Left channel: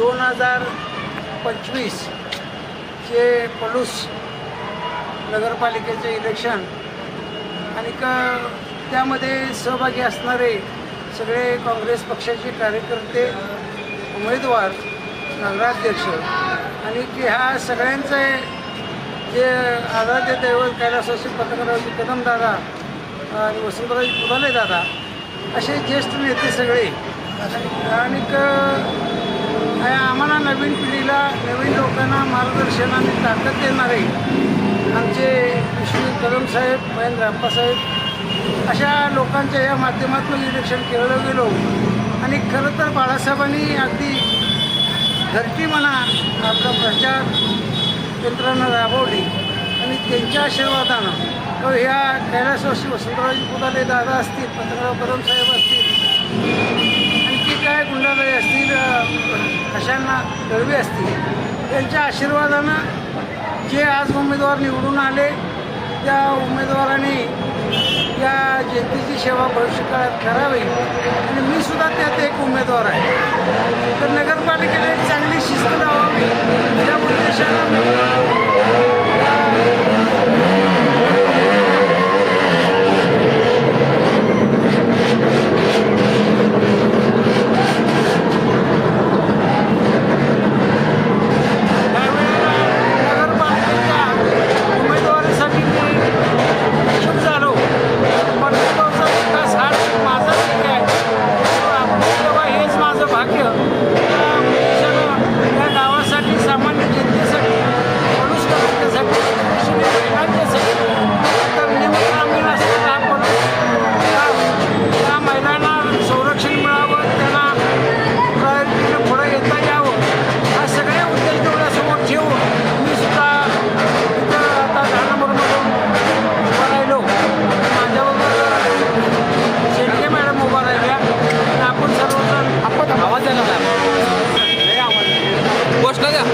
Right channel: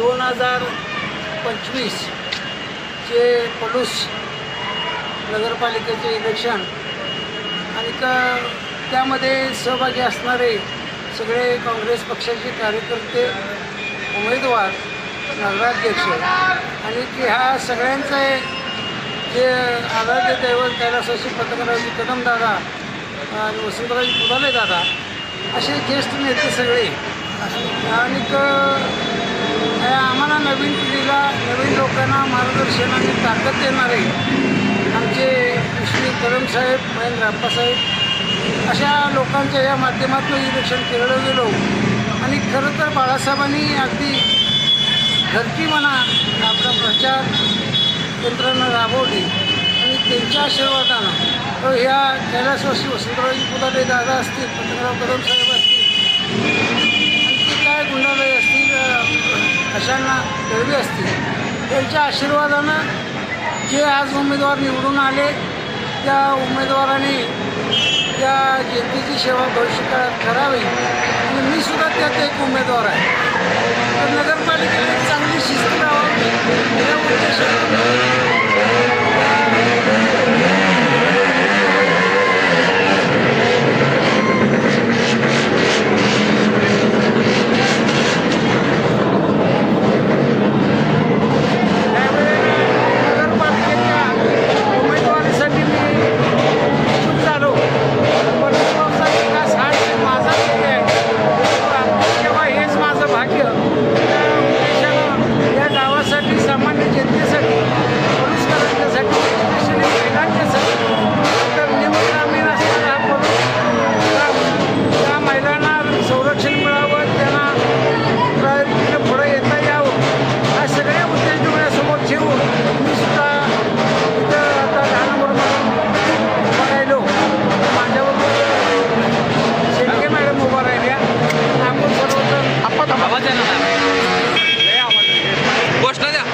2025चे पलूस नगरपालिकेचे इलेक्शन आणि त्यामध्ये सहभागी असणारे सगळे काँग्रेस पक्षाचे कार्यकर्ते, उमेदवार, नगराध्यक्ष आणि की ह्या सगळ्यांचे जे आराध्य दैवत कैलासवासी पत्रकारावजी कदमदादा आणि वसंतरावजी पुदाले दादा असे ज्येष्ठ नेते सगळे आणि आम्हाला नवीन पिढीला, नवीन लोकांना मार्गदर्शन आणि ताकद देणारे आमचे श्री कदमसाहेब, महेंद्र अप्पासाहेब अशा लोकांच्या या माध्यमातून इलेक्शन केलं गेलो. आणि खरं तर बाळासाहेबांनी अगदी घरची म्हणा आपला प्रचार यंत्रणा राबवली आणि त्यांच्या आशीर्वादानं ह्या कैलासवासी वसंतरावजी पुदाले दादा असतील, पत्रकाराव कदमसाहेब असतील, आणखी काय गुंडाबाई असतील, अशांना दळवी असतील, त्यांच्या आशीर्वादानं जे आज उमेदवार निवडून आले त्या उमेदवारांनी त्या जनतेची सेवा भविष्यकाळात करावी आणि मी सुद्धा त्यात एक उमेदवार आहे. तर नगरपालिकेला एक चांगली शिस्त लावावी या उद्देशानं सामान्य जनतेसाठी, पलूसकरांच्यासाठी, स्पेशली महिलांच्यासाठी निमग्रामीण असणारा हा पलूस त्या महिलांना संरक्षण मिळावं, त्यांना प्रायोरिटीने पुढं येता यावं हा सगळे उद्देश डोळ्यासमोर ठेवून मी सुद्धा इथं आता 10 नंबरमधून उभा राहिलो. माझ्याबरोबर शेटके मॅडम उभा राहिल्या आणि आपण सर्वजण आवाज घोषणा द्या.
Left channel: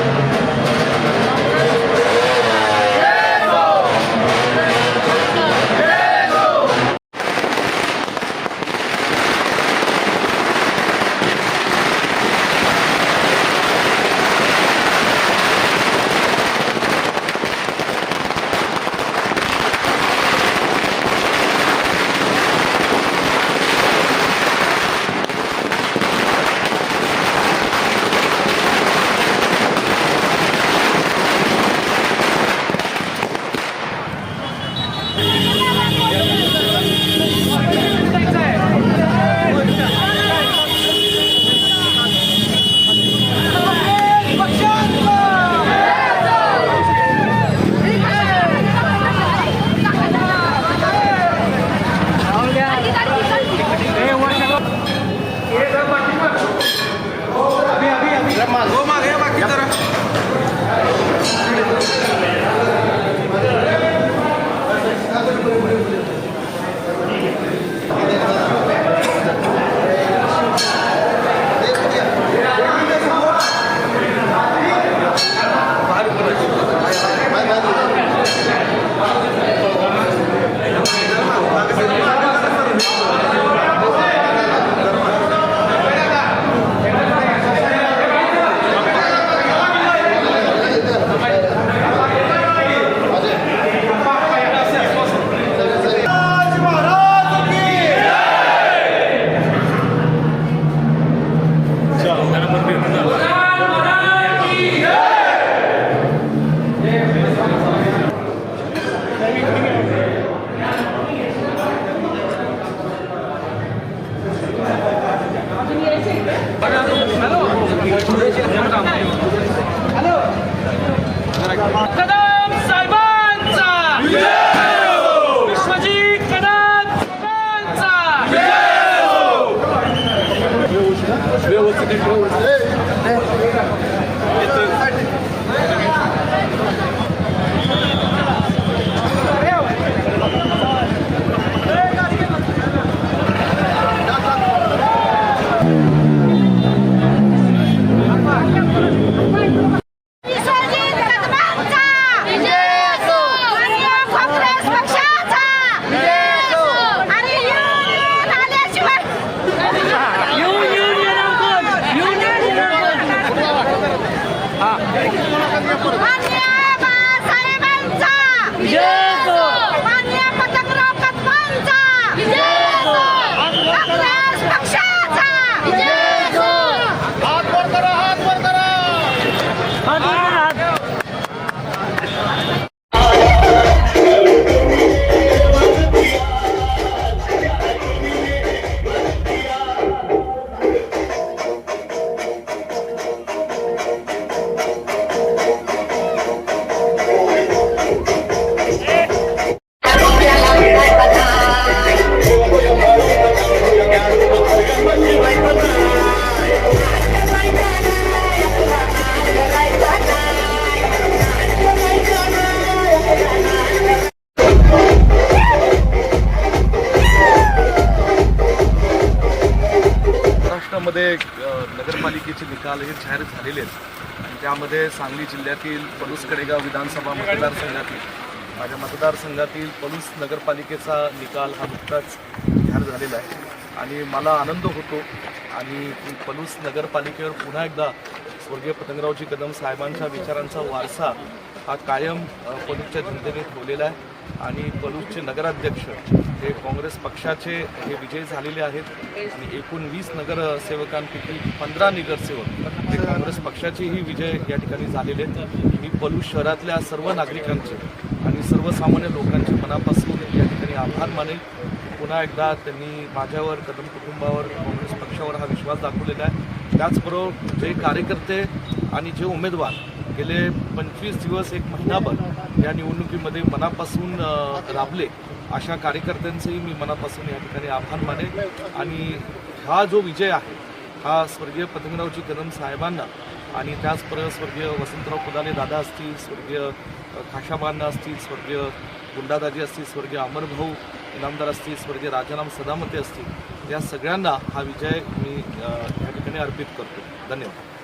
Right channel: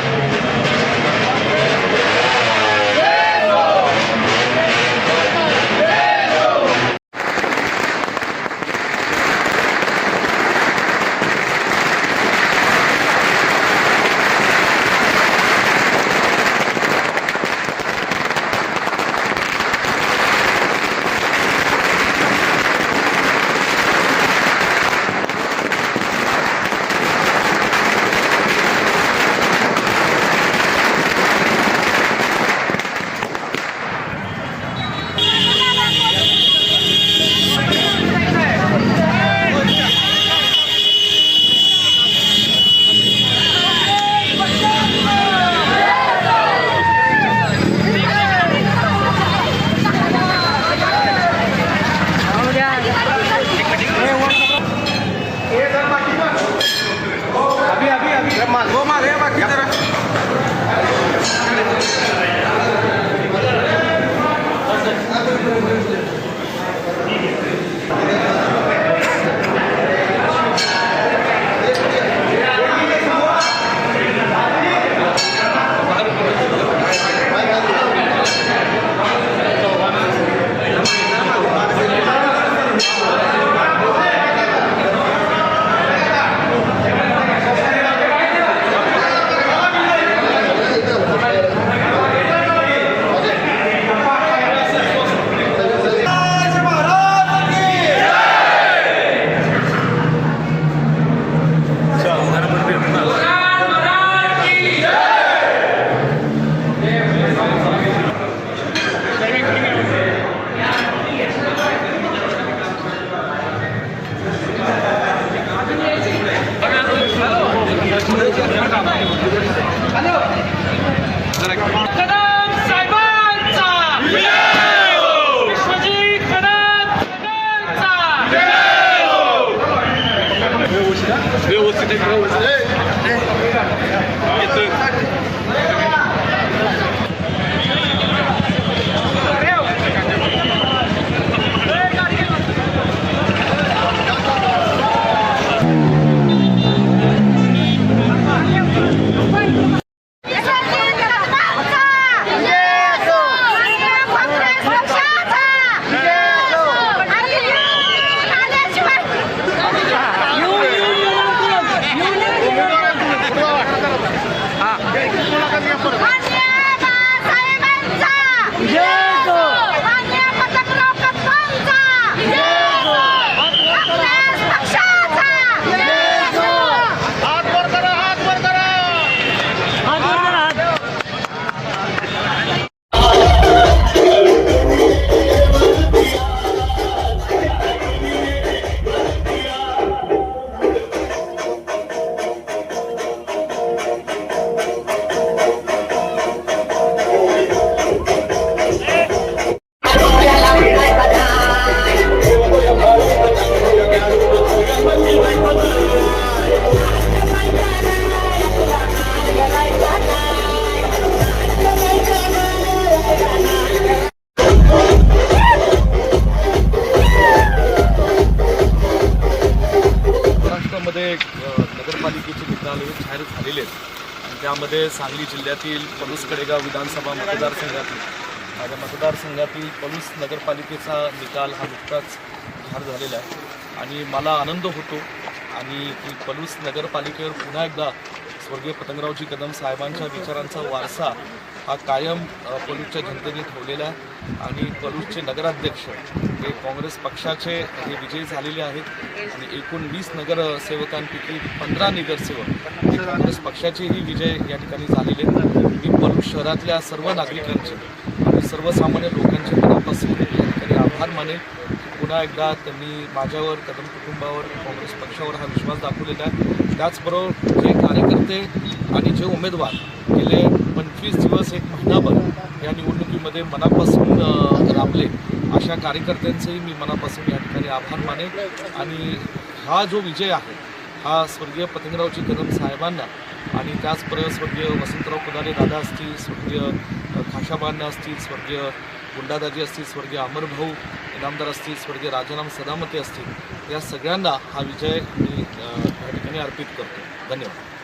कदम साहेबांचा विश्वजीत कदम साहेबांचा मतदानाचे निकाल हे जाहीर झालेले आहेत आणि त्यामध्ये सांगली जिल्ह्यातील पलूस कडेगाव विधानसभा मतदारसंघातील माझ्या मतदारसंघातील पलूस नगरपालिकेचा निकाल हा नुकताच जाहीर झालेला आहे आणि मला आनंद होतो आणि की पलूस नगरपालिकेवर पुन्हा एकदा स्वर्गीय पतंगरावजी कदम साहेबांच्या विचारांचा वारसा हा कायम पलूसच्या जनतेने ठेवलेला आहे आणि पलूसचे नगराध्यक्ष हे काँग्रेस पक्षाचे हे विजयी झालेले आहेत आणि एकूण 20 नगरसेवकांपैकी 15 नगरसेवक हे काँग्रेस पक्षाचेही विजय या ठिकाणी झालेले आहेत. मी पलूस शहरातल्या सर्व नागरिकांचे आणि सर्वसामान्य लोकांचे मनापासून या ठिकाणी आभार मानेल. पुन्हा एकदा त्यांनी माझ्यावर कदम कुटुंबावर काँग्रेस पक्षावर हा विश्वास दाखवलेला आहे. त्याचबरोबर जे कार्यकर्ते आणि जे उमेदवार गेले 25 दिवस एक महिनाभर या निवडणुकीमध्ये मनापासून राबले अशा कार्यकर्त्यांचेही मी मनापासून या ठिकाणी आभार मानेल आणि हा जो विजय आहे हा स्वर्गीय पतंगरावजी कदम साहेबांना आणि त्याचबरोबर स्वर्गीय वसंतराव कुदाले दादा असतील, स्वर्गीय खाशाबांना असतील, स्वर्गीय गुंडादाजी असतील, स्वर्गीय अमरभाऊ इनामदार असतील, स्वर्गीय राजाराम सदामते असतील, या सगळ्यांना हा विजय मी या ठिकाणी अर्पित करतो. धन्यवाद.